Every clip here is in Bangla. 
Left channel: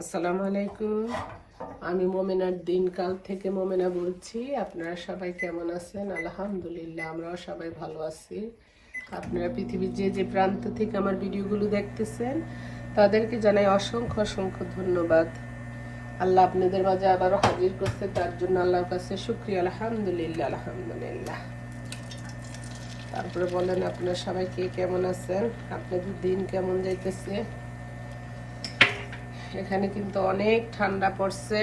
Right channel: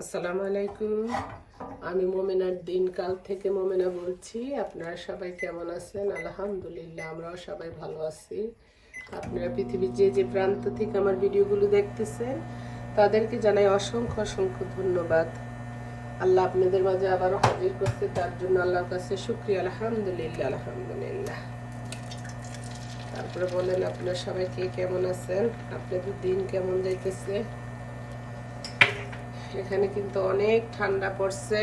আসসালামু আলাইকুম। আমি মোমেনার দিনকাল থেকে মোমেনা বলছি। আপনারা সবাই কেমন আছেন? আলহামদুলিল্লাহ আমরা সবাই ভালো আছি। আপনারা পৃথিবীর যে যে প্রান্ত থেকে আমার ভিডিওগুলো দেখতেছেন, তাদেরকে জানাই অসংখ্য অসংখ্য ধন্যবাদ। আল্লাহ আপনাদের মাঝে আবারও হাজির করতে, তার জন্য আল্লাহর কাছে শুক্রিয়া। আলহামদুলিল্লাহ আলহামদুলিল্লাহ। তারপরে বলেন, আপনারা সবাই কে, কেমন আছেন? আপনাদের দিন কেমন যাইতেছে? এখানে কিন্তু অনেক ঠান্ডা পড়ছে।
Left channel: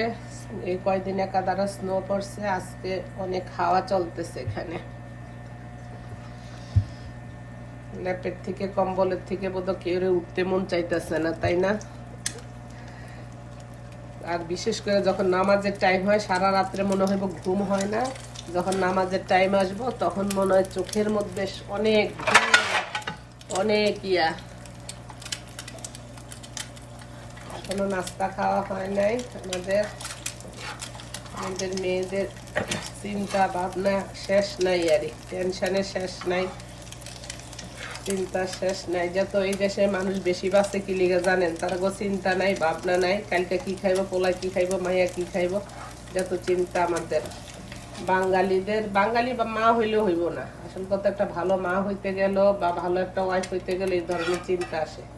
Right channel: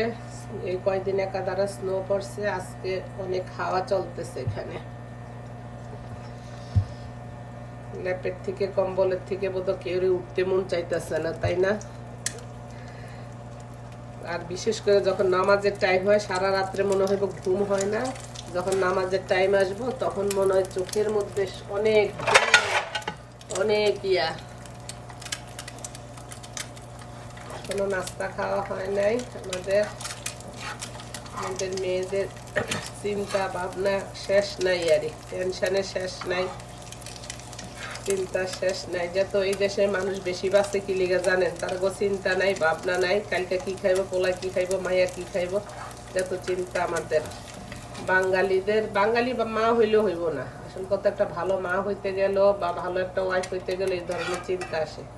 এই কয়দিন একাধারে স্নো পড়ছে, আজকে অনেক হাওয়া চলতেছে এখানে। ল্যাপের থেকে, কম্বলের থেকে বোধ কেউ উঠতে মন চাইতেছে না, তাই না? আর বিশেষ করে যখন নামাজের টাইম হয়, সারা রাত্রে মনে হয় ঘুম হয় না। যখন নামাজের টাইম আসব, তখন মনে হয় চোখের মধ্যে অনেক অনেক ইয়া। এখনও নাস্তা খাওয়া হয় নাই। আমাদের আমাদের মেয়েদের চিন্তা ভাবনা শেষ নাই আর টেনশনের শেষ নাই। চিন্তা শেষ নাই। যত এই দেশে মানুষ বেশি বাঁচে কি লিগে জানেন? তার গো চিন্তা নাই, ভাবনা নাই, কালকে কি খাইবো পোলা কি খাইবো, মাইয়া কি খাইবো? যত চিন্তা আমাদের। বাঙালিদের, বাঙালি বা মা হইলেও হইব না। আসল কথা একটা ভালো মা হইতে গেল বা ভালো একটা ওয়াইফ হইতে গেলে এই ধরনের চিন্তা আসে।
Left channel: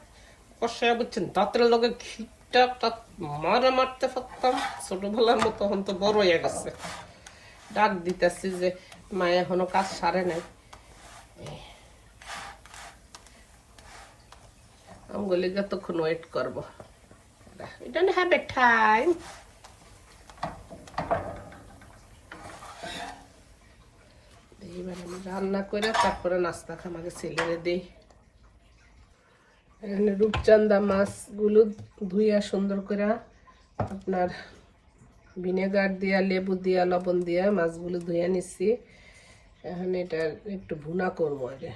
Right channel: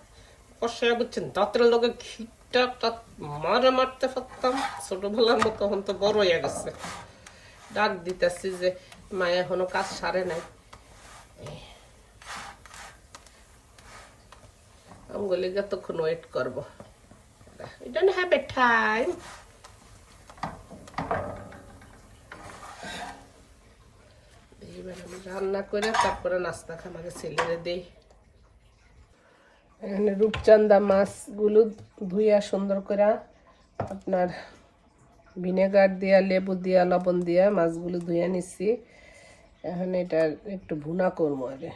কষাইয়া বুঝছেন দাঁতের লগে খিটটা তাত মারে মারতে পারতাম। ছোটবেলার মতো এখন তো বড় হয়ে গেছে। ডাক দিতেছি যে, মা এখনও কাজ সারে নাই। আমি বলি যতক্ষণ ওয়েট করব। এটা হ্যাভ এ টাইম রান্না করে তারপরে নাস্তা খামাকে ছেলেরে দিই। এখানে রূপচান্দা মাছগুলো ধুইয়া সুন্দর করে আপনার ভিনেগার দিয়া, লেবু দিয়া, লবণ দিয়া মাছগুলো ধুইয়া নিচ্ছি। এখন এটা একটু ভুনা করব আরে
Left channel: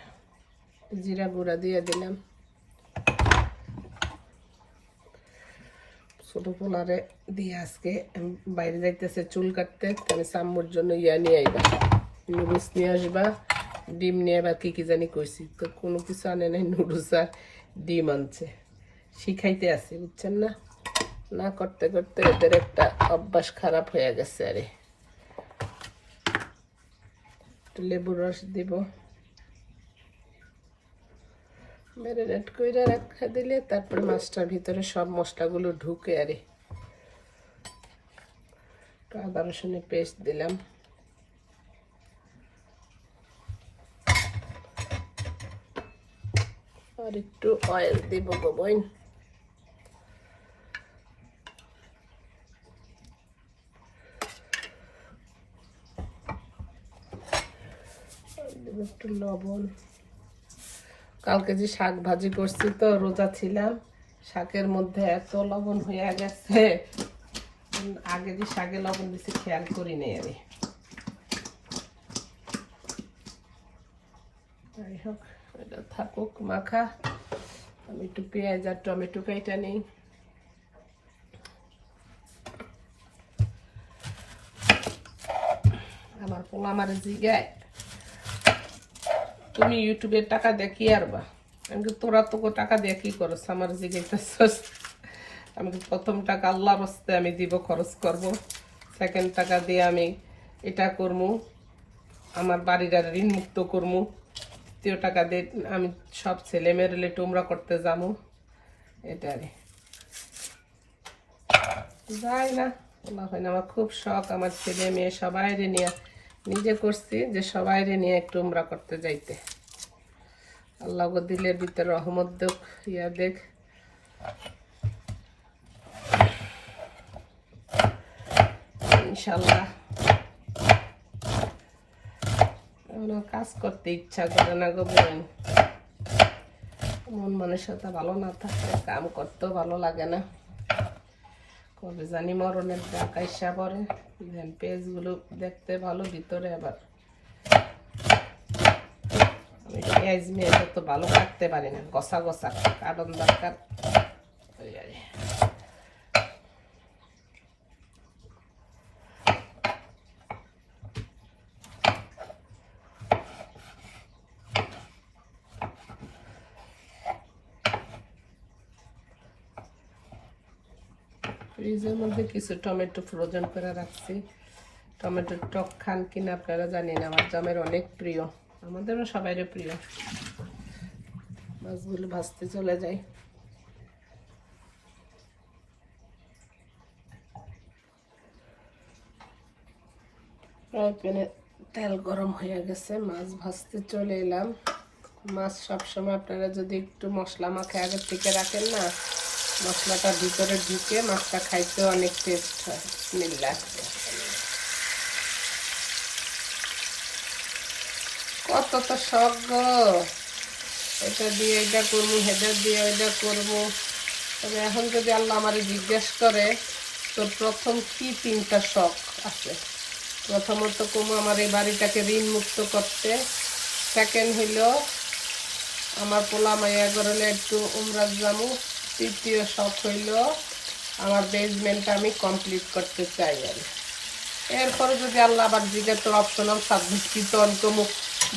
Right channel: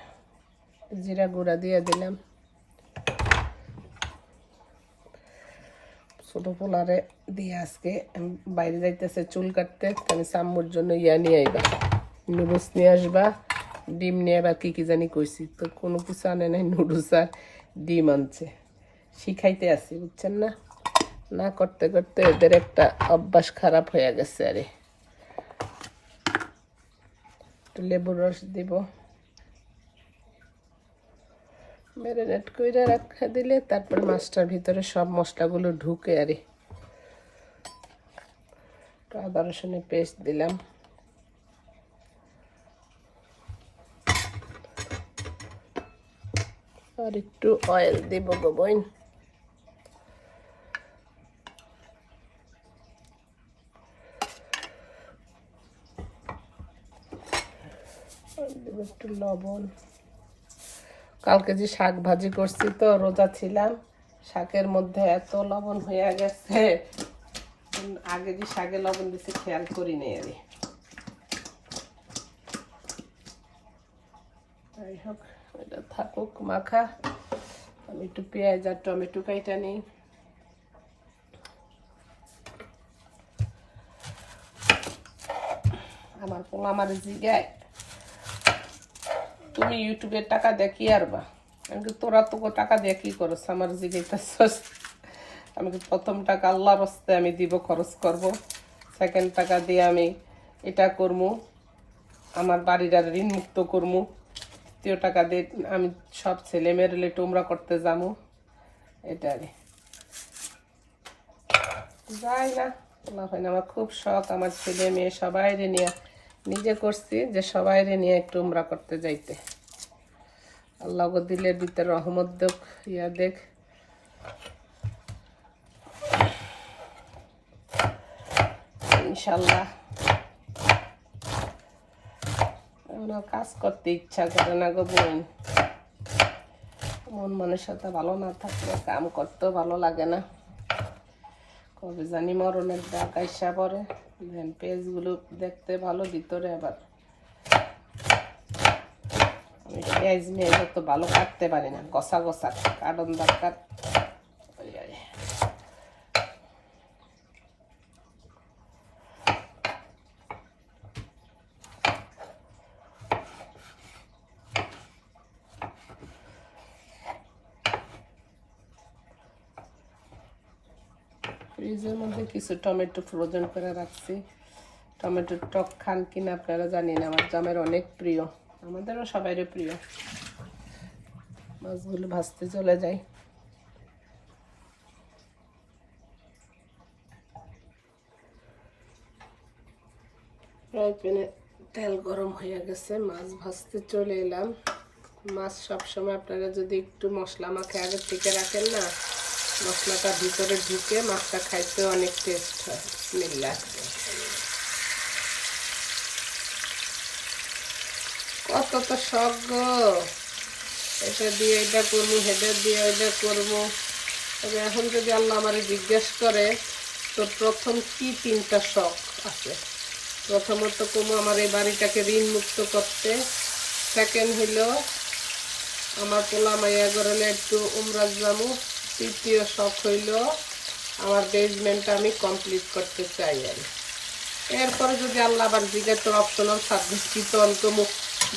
জিরা গুঁড়া দিয়ে দিলাম। ছোট পোলারে দিয়ে আজকে বাইরে যাইতেছে চুল কাটতে আমি সাম্মুর জন্য ইয়া নিয়ে আইবা। নুডলস নিয়ে আসবা, ডিম নিয়ে বা কি কি জানি কইছি। তো কোনো কিছু আনে নাই নুডলস আর ডিম আনছে। শিখাইতে আসি, বুঝছেন না? না করতে করতে এদের একটা অভ্যাস খারাপ হয়ে গেছে আরে। লেবুর রস দিব। ম্যারিনেট করে রাখা দিলে তারপর মাছটার ভিতরে সব মশলাগুলো ঢুকে আরে। আদা রসুনের পেস্ট দিলাম। আর একটু অয়েল দেব গো বোন। একটু লবণ। কালকে যে শাক ভাজি করছি তো, রোজা ছিলাম, শাকের মধ্যে এত লবণ হয়ে গেছে। আগে যে শাকে লবণ দিছি, খেয়াল করি নি আরে যাই হোক। থাকুক, মাখা। আমি একটু পেঁয়াজ আর টমেটো কাইটা নেই। আমার পোলা আমার জিগায়। তুমি ইউটিউবে টাকা দিয়ে কি আর বা আমি তোরা তো টাকা দিয়ে কি করছ আমার জিগাইতেছস। আমি প্রথম টাকা আল্লাহর হস্তে আমি দিব, খরচ করব। সেকেন্ড টাকা দিয়ে আমি এটা করব আমার আর ঋণ মুক্ত করব তৃতীয় টাকা দিয়ে আমি সব ছেলে মেয়ের টুমরা করতে যাব। এটারে যাই না আমার খুব শখ আমার ছেলে মেয়ে সবাই রে নিয়ে। নিজে করছি যে সবাই রে নিয়ে একটু উমরা করতে যাইতে। আল্লাহ দিলের ভিতরে রহমত দেখ, ইয়া দেখ। ইনশাল্লাহ। আর কাজ করতে ইচ্ছা করে না গো বোন। মন সাথে ভালো না থাকলে কাম করতেও ভালো লাগে না। কবে জানি মরণের ডাক আইসা পরে পেজগুলো দেখতে ভালো, ভিতরে আবার আমি পেঁয়াজ মেয়ে তো ভালো কাটতে পারি না, গসা গসা কাটন দরকার ওই আর কি। ফ্রিজের মধ্যে কিছু টমেটো ফ্রোজেন করে রাখছি। টমেটোর টক খান কিনা আপনারা জানেন, আমার জামের অনেক প্রিয়। আমাদেরও সবাইরও প্রিয়। মাছগুলো ভাজতে চলে যায় প্যানে তেল গরম হয়ে গেছে, মাছ ভাজতে চলে এলাম। মাছ সবসময় আপনারা যদি একটু মশলা মাখা আগে থেকে রাখেন না মশলাটা ভিতরে ঢুকে মাছটা খাইতে অনেক টেস্ট স্মেল লাগবে। কত তো গো! এটা দিয়ে এটা করব হেটা দিয়ে এটা করব। তবে এখন যদি আল্লাহ আমার জিজ্ঞেস করে, তো প্রথম কি তিনটা শখ আছে? প্রথমত কোনো আমার এই বাড়িটাকে ঋণ মুক্ত করতে। সেকেন্ড হইল, আমার পোলা মাইয়া গরলে একটু উমরাজ জামু তৃতীয় শখ হইল আমার বেসমেন্টটা আমি কমপ্লিট করতে চাই। আমি এরপরে যদি আল্লাহ দিকে তো অপশনাল সার্ভিস দিতে অন্তম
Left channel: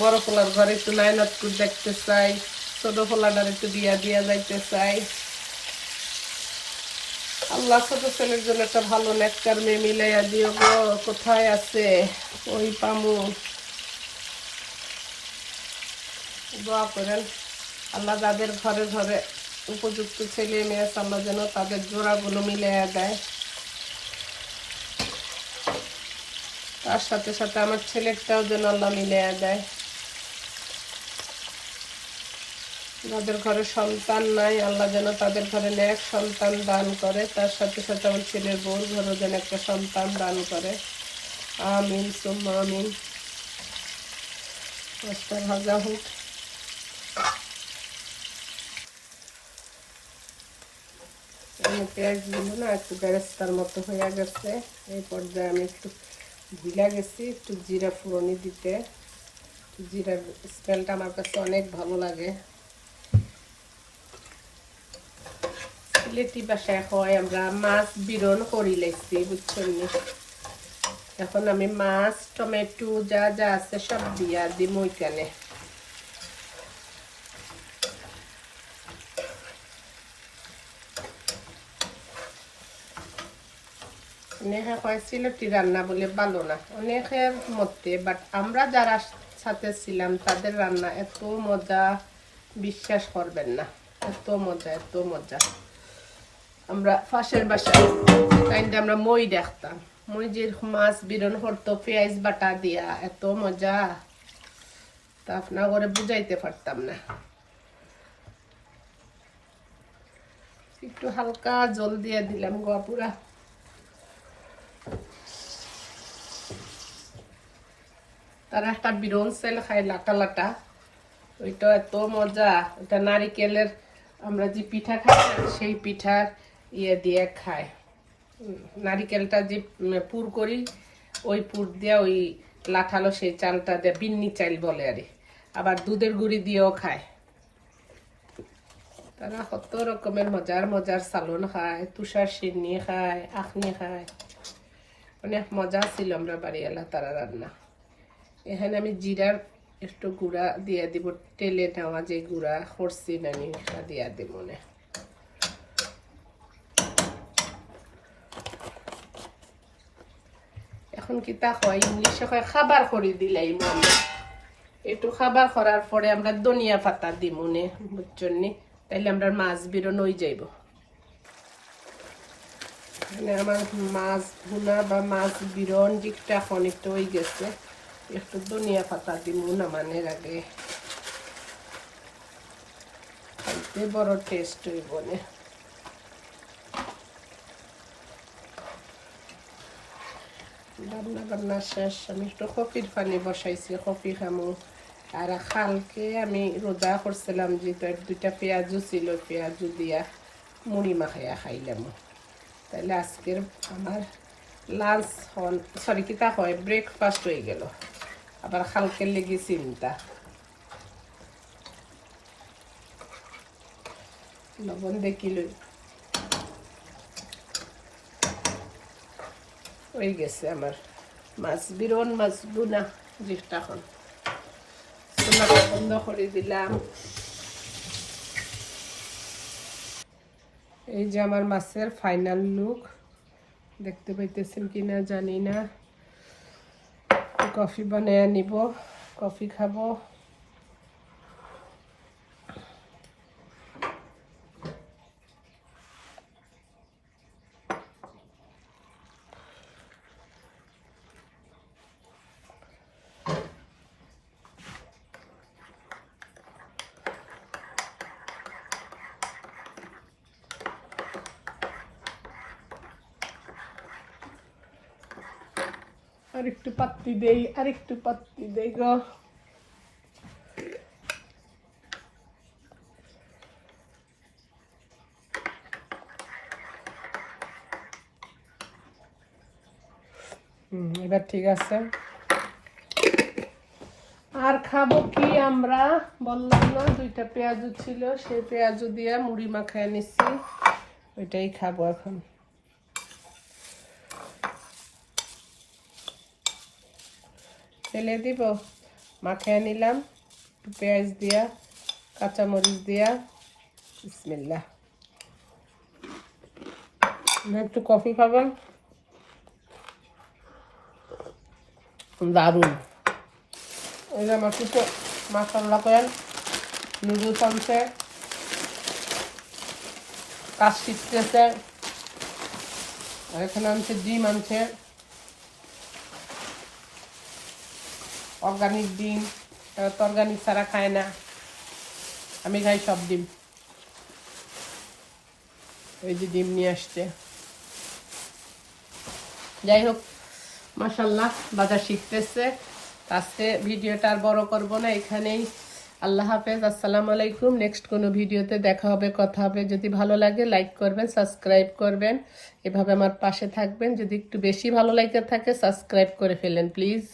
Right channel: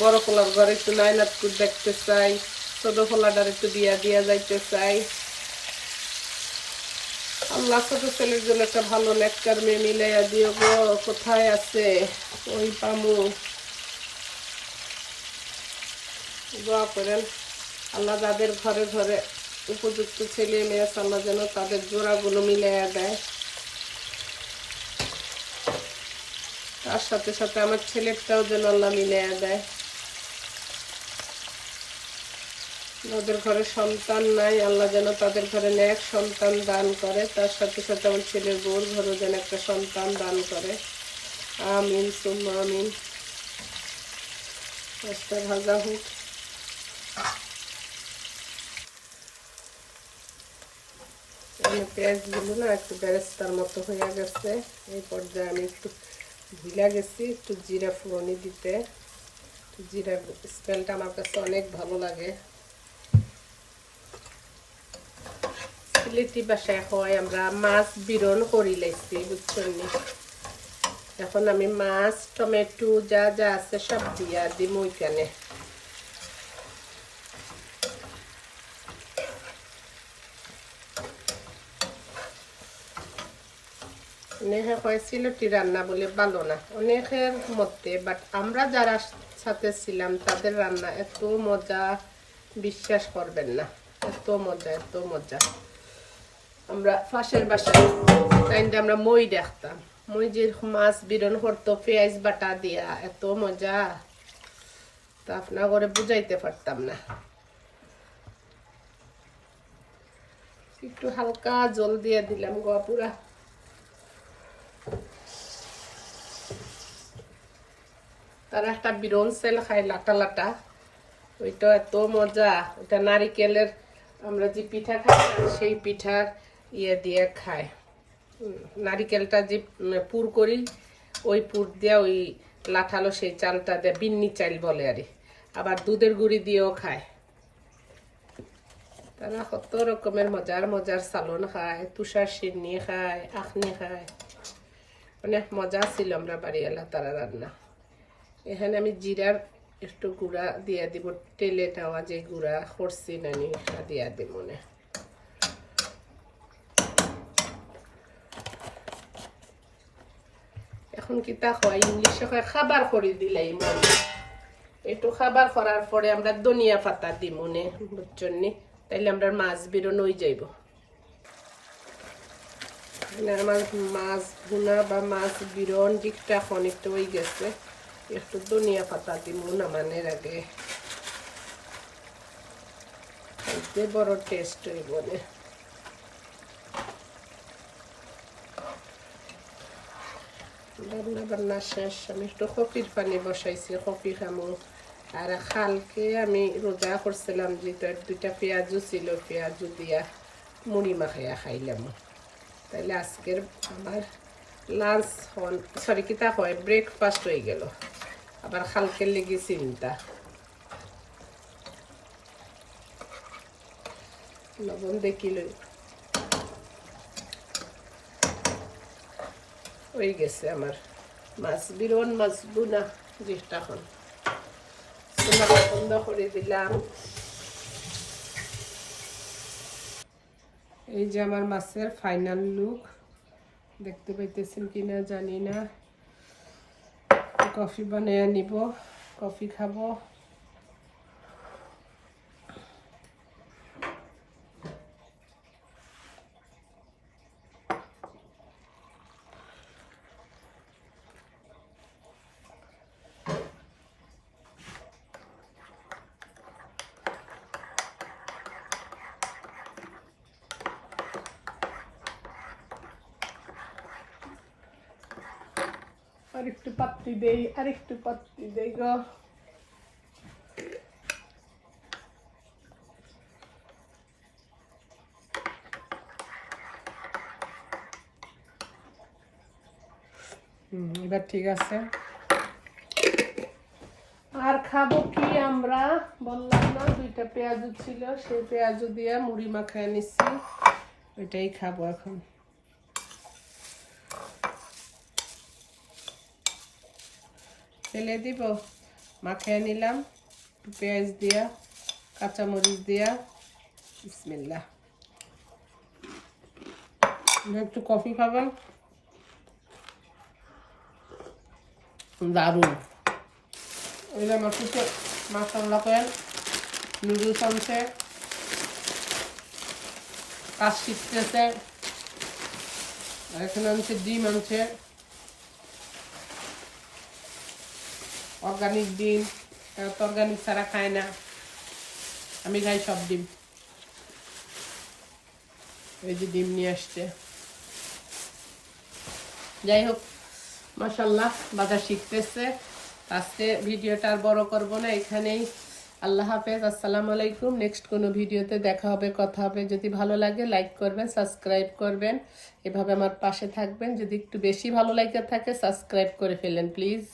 বড় পোলার ঘরে একটু একটু দেখতে চাই, ছোট পোলাটার একটু দিয়া দিয়া যাইতে চাই। আল্লাহ ছোট ছেলের জন্য একটা ভালো নেকটার মেয়ে মিলাইয়া দিও গো, কোথায় আছে? ওই পামু। দোয়া করেন, আল্লাহ যাদের ঘরে ঘরে উপযুক্ত ছেলে মেয়ে আল্লাহ যেন তাদের জোড়াগুলো মিলিয়ে দেয়। তার সাথে সাথে আমার ছেলেরটাও যেন আল্লাহ মিলিয়ে দেয়। যাদের ঘরে সন্তান নাই, আল্লাহ যেন তাদের ঘরে এক সন্তান দান করে। তার সাথে সাথে আমার ছেলের বউর ঘরেও যেন একটা সন্তান দান করে। আমিন, সুম্মা আমিন। আজকে ভাজা হোক পেঁয়াজগুলো না, একটু বেরেস্তার মতো হয়ে গেছে। এই পর্যায়ে আমি একটু ভুলে গেছি, একটু জিরা ফোড়নি দিতে। জিরা স্মেলটা আমার কাছে অনেক ভালো লাগে। সিলেটি বাসায় হয়, আমরা মাছ বিরল করি লেছি, বুঝছেন এখন আমি মাছ, টমেটো, যা যা আছে সব দিয়া দিম ওইখানে অনেকে কয় সিলেটি রান্না বলে ভালো না। অনেকের মতে বাট আমরা যারা সাথে ছিলাম, তাদের রান্না এত মজা বিশ্বাস করবেন না। এত মজা এত মজা। আমরা ফাঁসের বাসায় আমরা মই দেখতাম। মই যে মাছ বিরন করতো, পেঁয়াজ বাটা দিয়া, এত মজা। তা আপনার করে বুঝাইতে পারতাম না। একটু হালকা জল দিয়ে দিলাম গপুরা তারা একটা বিরন সেল খায় লাটা লাটা ওইটা এত মজা। এটা নারিকেলের আমরা যে পিঠা খাই, সেই পিঠার ইয়ে দিয়ে খায়। নারিকেলটা যে পুর করি, ওই পুর দিয়ে ওই লাঠালো সেই চালটা দিয়ে, বিন্নি চাল বলে আর আবার দুধের গুড়ি দিয়েও খায়। তারা কত রকমের মজার মজার সালন খায়, তুষার সিন্নি খায়, আখনি খায়। অনেক মজা ছিল আমরা বাড়িওয়ালা তারা রান্না। এখানে আমি জিরার একটু গুঁড়া দিয়ে দিব, তেলে নেওয়া যে গুঁড়া করছি নানি দিয়ে দিব মনে এখন কি তা হয়, ইংলিশে হয় খাবার করে দিলেই একটু খাবার করার পরে আমরা ধনিয়া পাতা দিই মনে বুঝছেন নি? তাইলে আমরা মাছ বেরোনো হয়ে যাইব। আমার মাছ ভুনা বা মাছ বিরন এখন একটু হয়ে গেছে। একটু ধনিয়া পাতা দিব নামানের আগে খাইতে বড় টেস্ট হইব না রান্না বান্না শেষ আমি একটু কপির পানি বসাইছি কপি খামো আর কালকে আমি রোজা করছিলাম যেটা দুইটা পেঁয়াজও ছিল পেঁয়াজও দিয়া মুড়ি মাখাইয়া খাইলাম তাহলে আজকের আমার লাঞ্চ হল সরি কিতা হয় ব্রেকফাস্ট হয়ে গেল আবার কালকে লেগে চিন্তা লবণ দেখিল হয়ে গেছে আমার। মাছ, বিরন মাছ, বুনা, যেটা হল। বন্ধ করে দিলাম। এই যে আমার মাছের ফাইনাল লুক দেখতে পাইতেছেন কিনা জানি না। কফি বানিয়ে নিব কফি খাব। আর একটু পাত্তি দেই আর একটু পাত্তি দেই গো। এবার ঠিক আছে। আর খাব কি আমরা? বললাম না, দুইটা পেঁয়াজু ছিল, সেই পেঁয়াজু দিয়ে মুড়ি মাখায় নিচ্ছি। ওইটাই খাব এখন। ফেলে দিব, মাখায় নিলাম, পেঁয়াজ দিয়া, কাঁচামরিচ দিয়া, বিসমিল্লাহ। না, একটু কফি খাবেন? দারুণ। আমার কিছু মাসাল্লা করেন নুডলস আনছে কাজ শিখতেছে এখানে আনছে, ডিম আনছে। অর্গানিক ডিম, তো অর্গানিক ছাড়া খায় না। আমি খাই সব ডিম। এই যে ডিম নিয়ে আসছে। যাই হোক মাসাল্লাহ বাজার শিখতেছে। আজকে ভিডিওটা আর বড় করব না, এখানেই। আল্লাহ হাফেজ, আসসালামু আলাইকুম। নেক্সট কোনো ভিডিওতে দেখা হবে, কথা হবে। যদি ভালো লাগে, লাইক করবেন, সাবস্ক্রাইব করবেন। এভাবে আমার পাশে থাকবেন। যদি একটু বেশি ভালো লাগে থাকে, সাবস্ক্রাইব করে ফেলেন, প্লিজ।